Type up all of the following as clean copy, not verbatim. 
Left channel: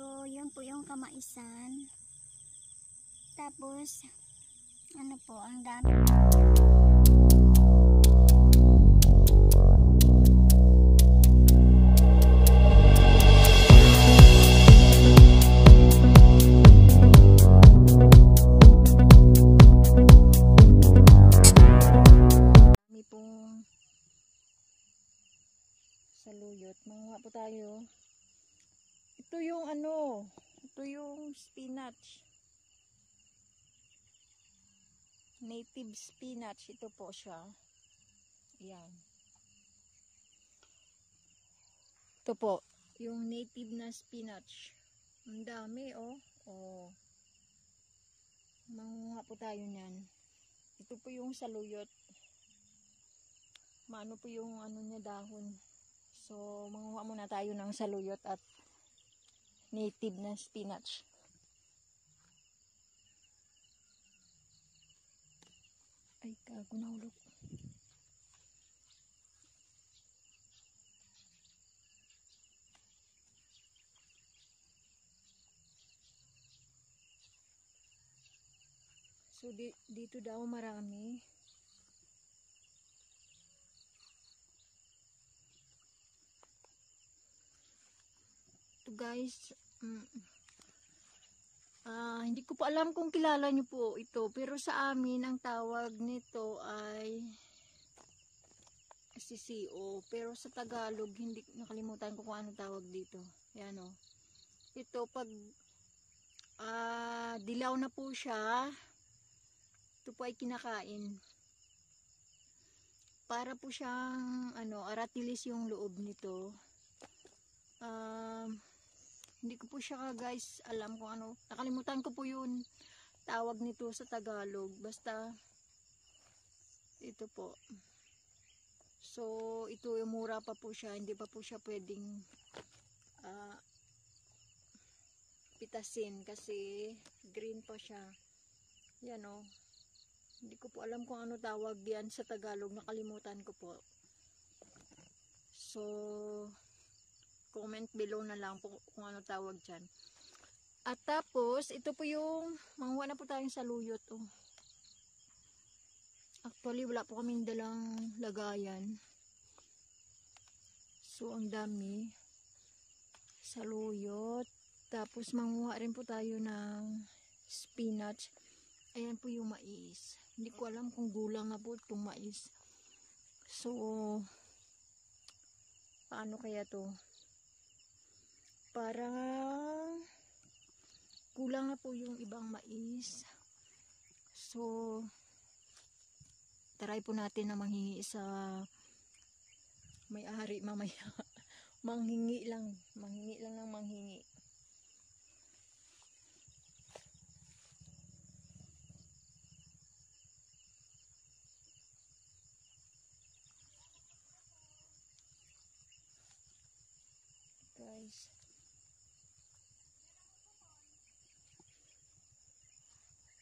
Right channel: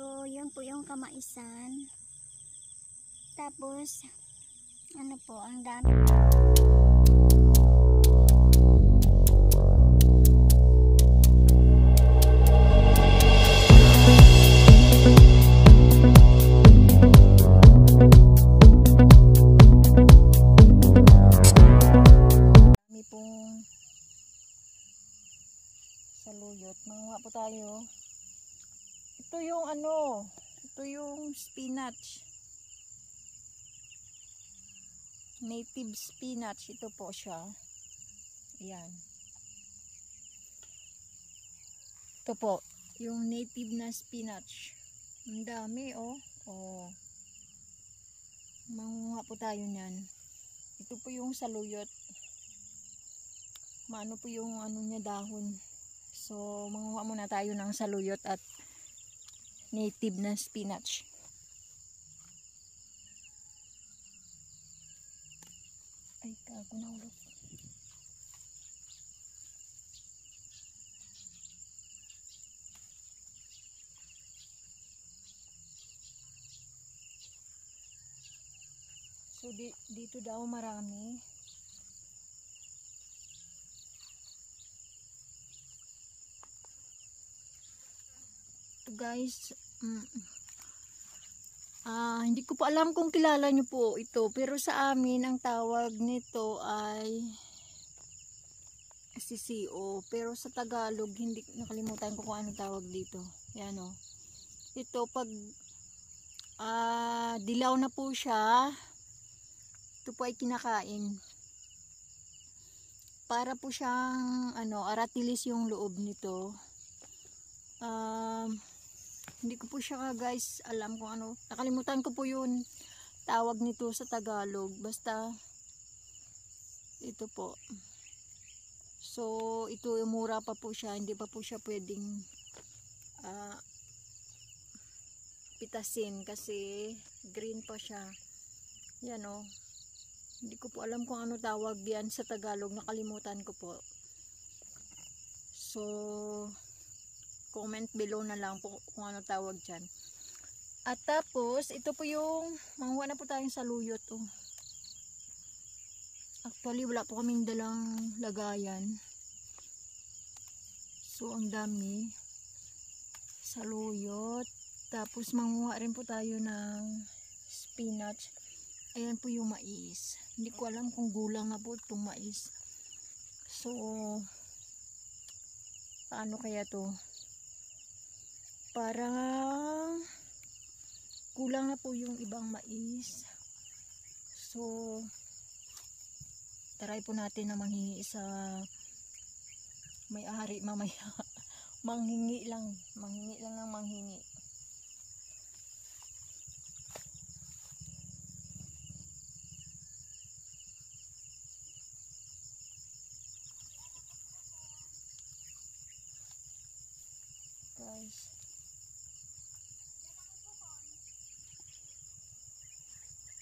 So, yun po yung kamaisan. Tapos, ano po, ang dami. Dami pong saluyot. Manguha po tayo. Ito yung ano, ito yung spinach. Native spinach, ito po siya. Ayan. Ito po, yung native na spinach. Ang dami, oh. Oh. Manguha po tayo niyan. Ito po yung saluyot. Maano po yung ano niya, dahon. So, manguha muna tayo ng saluyot at native na spinach. Ay, kago na ulok. So, dito daw marami. Ito guys, hindi ko pa alam kung kilala nyo po ito. Pero sa amin, ang tawag nito ay sisiyo. Pero sa Tagalog, hindi, nakalimutan ko kung ano tawag dito. Yan o. Ito, pag dilaw na po siya, ito po ay kinakain. Para po siyang ano, aratilis yung loob nito. Hindi ko po siya guys alam kung ano. Nakalimutan ko po yun tawag nito sa Tagalog. Basta ito po. So ito mura pa po siya. Hindi pa po siya pwedeng pitasin kasi green pa siya. Yan o. Hindi ko po alam kung ano tawag yan sa Tagalog. Nakalimutan ko po. So comment below na lang kung ano tawag dyan. At tapos ito po yung manguha na po tayong saluyot. Oh. Actually wala po kaming dalang lagayan. So ang dami saluyot. Tapos manguha rin po tayo ng spinach. Ayan po yung mais. Hindi ko alam kung gulang na po itong mais. So paano kaya to? Parang kulang na po yung ibang mais. So try po natin na manghingi sa may-ari mamaya. Manghingi lang ng manghingi. Guys,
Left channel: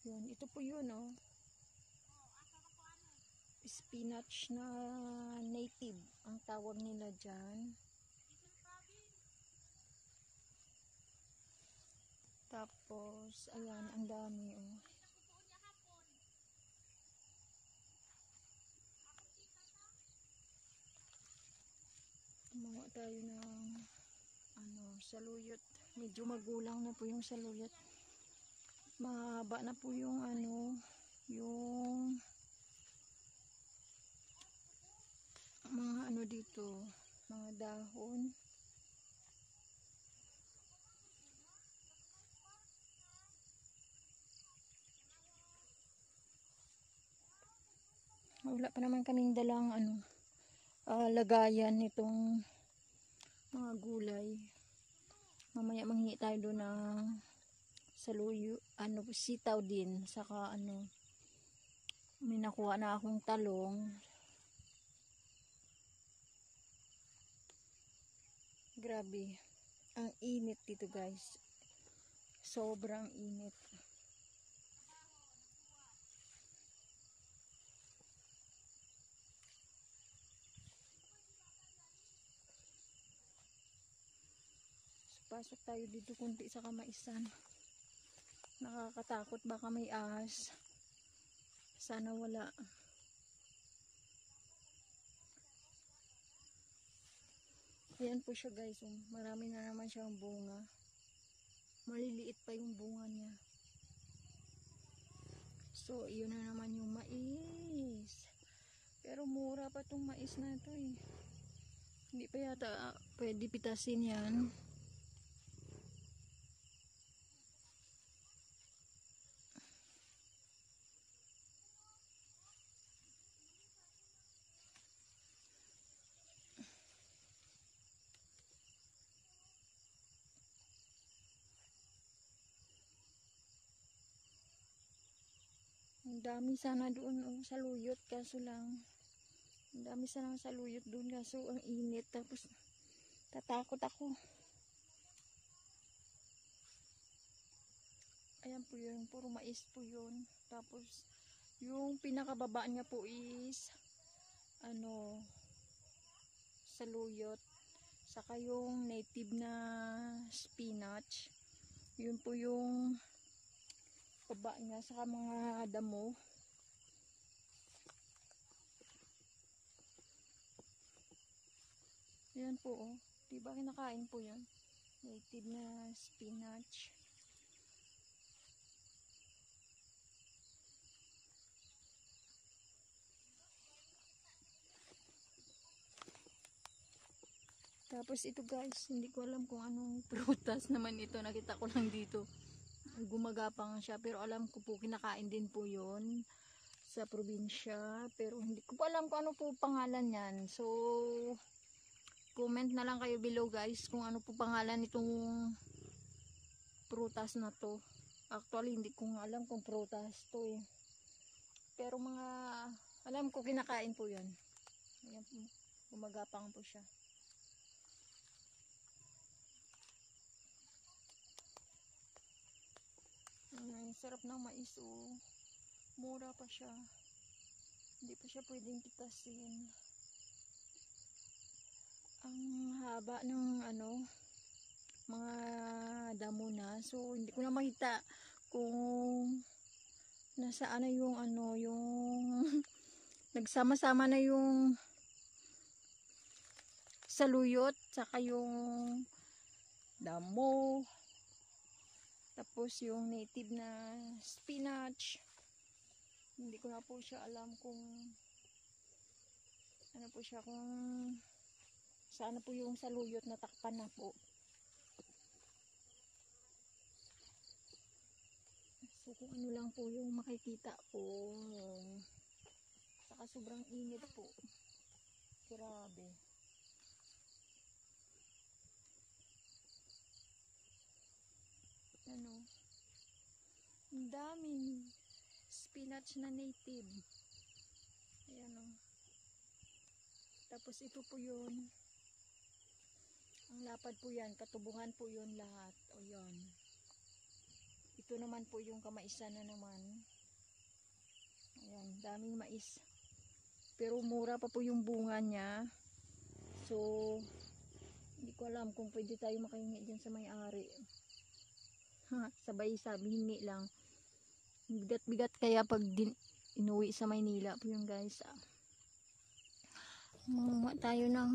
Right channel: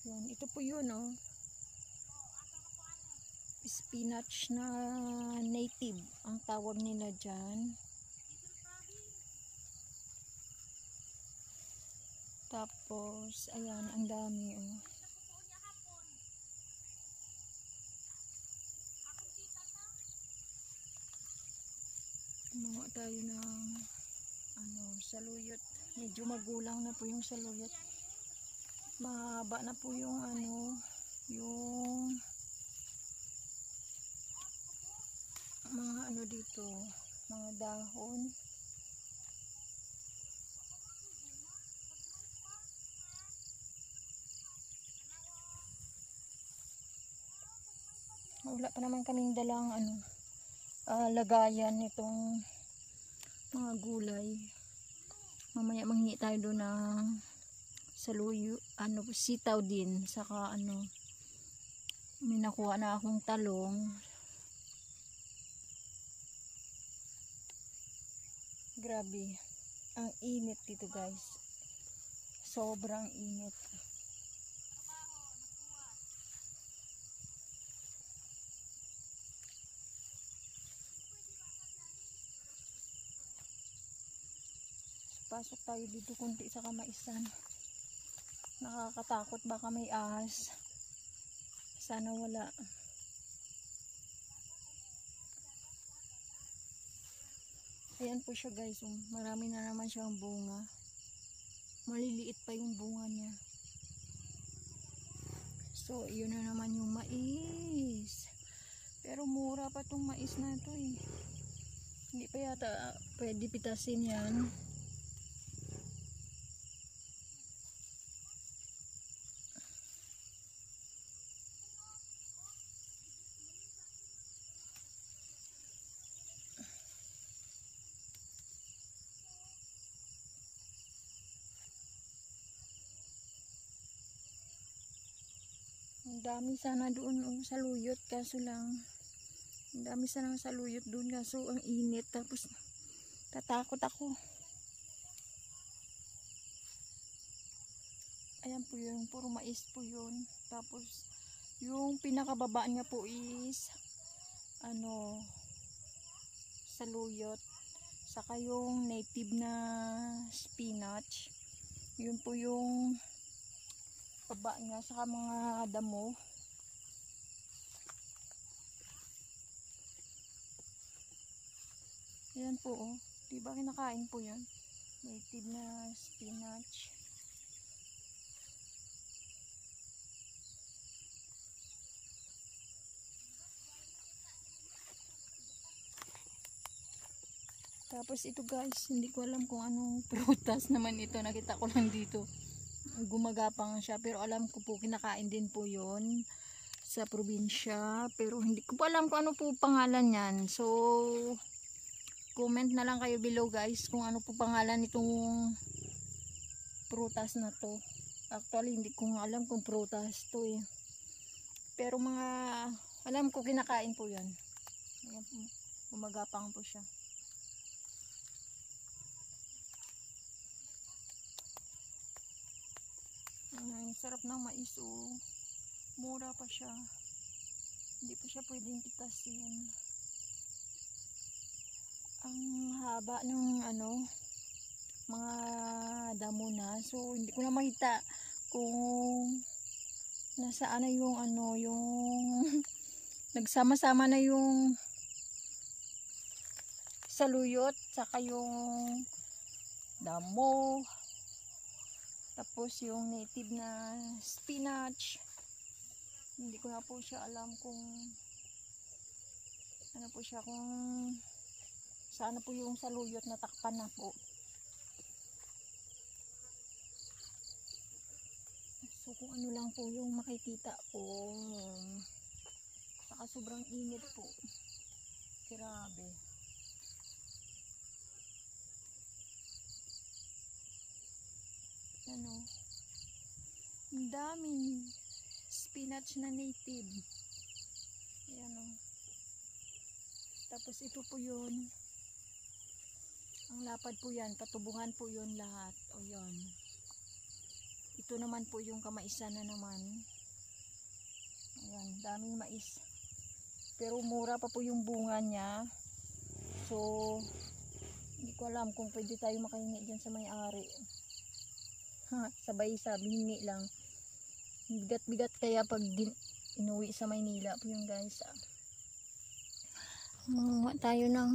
yun, ito po yun oh. Spinach na native ang tawag nila dyan. Tapos ayan, ang dami oh. Gumawa tayo ng ano, saluyot. Medyo magulang na po yung saluyot. Mahaba na po yung ano, yung mga ano dito, mga dahon. Wala pa naman kaming dalang ano, lagayan nitong mga gulay. Mamaya manghingi tayo doon ng saluyo, ano, sitaw din, saka ano, may nakuha na akong talong. Grabe, ang init dito guys. Sobrang init. Papasok tayo dito kunti sa kamaisan. Nakakatakot, baka may ahas. Sana wala. Ayan po siya guys. Marami na naman siyang bunga. Maliliit pa yung bunga niya. So, yun na naman yung mais. Pero mura pa tong mais na ito eh. Hindi pa yata pwede pitasin yan. Ang dami sana doon sa luyot, kaso lang ang dami sana sa luyot doon, kaso ang init, tapos tatakot ako. Ayan po yun, puro mais po yun. Tapos yung pinakababa niya po is saluyot, saka yung native na spinach. Yun po yung baba niya, saka mga damo. Ayan po oh, diba kinakain po yan, native na spinach. Tapos ito guys, hindi ko alam kung anong prutas naman ito, nakita ko lang dito. Gumagapang siya, pero alam ko po kinakain din po yon sa probinsya, pero hindi ko po alam kung ano po pangalan yan. So comment na lang kayo below guys kung ano po pangalan nitong prutas na to. Actually hindi ko alam kung prutas to eh, pero mga alam ko kinakain po yan. Ayan po, gumagapang po siya. Ang sarap ng mais oh. Mura pa siya. Hindi pa siya pwedeng pitasin. Ang haba ng mga damo na. So hindi ko na makita kung nasaan na yung yung nagsama-sama na yung saluyot saka yung damo. Tapos yung native na spinach, hindi ko na po siya alam kung ano po siya, kung saan po yung saluyot na takpan na po. So kung ano lang po yung makikita ko, saka sobrang init po. Grabe. Ang daming spinach na native. Ayan o. Tapos ito po yun. Ang lapad po yan, patubungan po yun lahat. O yun. Ito naman po yung kamaisan na naman. Ayan, daming mais. Pero mura pa po yung bunga niya. So hindi ko alam kung pwede tayo makahingi dyan sa may-ari. Sabay sabi, hingi lang. Bigat-bigat kaya pag inuwi sa Maynila po yung guys. Manguha tayo ng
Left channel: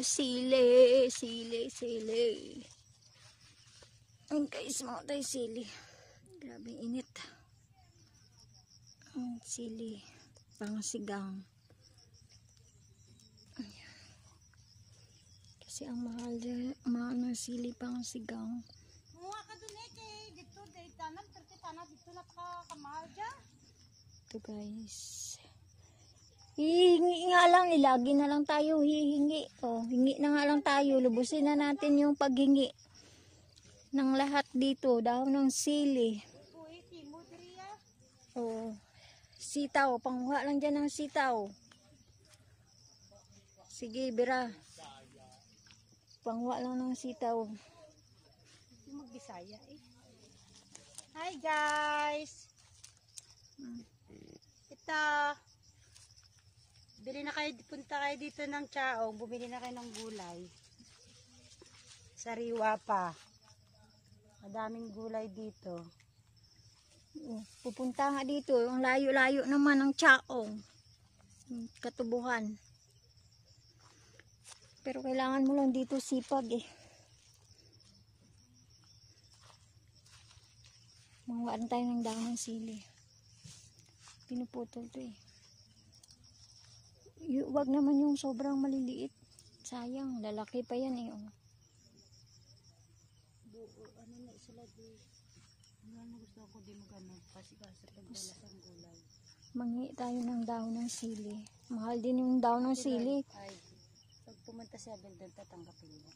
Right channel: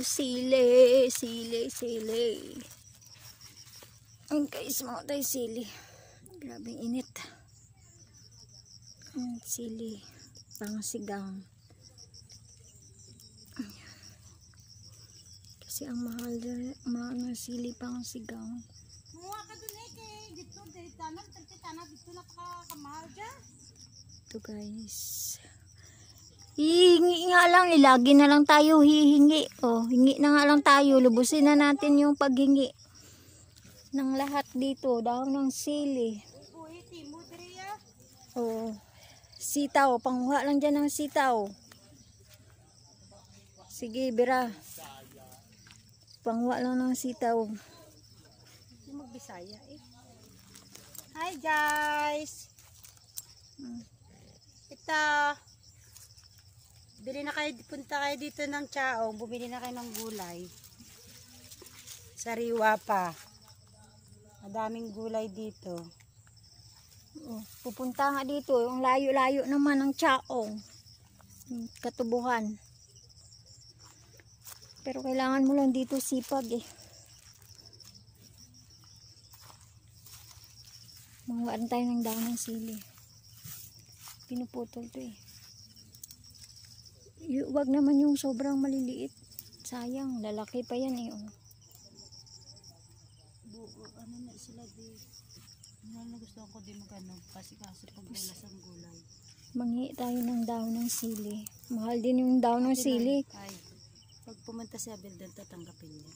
sili. Ayun guys, manguha tayo sili. Grabe init. Sili pangsigang. Kasi ang mahal ng sili pangsigang. Ito guys, hihingi nga lang, ilagi na lang tayo hihingi. Oh, hingi na nga lang tayo, lubusin na natin yung paghingi ng lahat dito. Dahon ng sili. Oh, sitaw, panguha lang dyan ng sitaw. Sige Bira, panguha lang ng sitaw. Magbisaya eh. Hi guys, ito, punta kayo dito ng Chaong, bumili na kayo ng gulay, sariwa pa. Daming gulay dito. Oh, pupunta nga dito. Ang layo-layo naman ng Chaong. Katubuhan. Pero kailangan mo lang dito sipag eh. Manguhaan tayo ng dahon ng sili. Pinuputol to eh. Wag naman yung sobrang maliliit. Sayang, lalaki pa yan eh. Oh. Ano na sila di. Ano na gusto ko din magano kasi pag bulas ang gulay. Manghi tayo ng dahon ng sili. Mahal din yung dahon ng sili. Ay, pag pumunta si Abel doon, tatanggapin niya.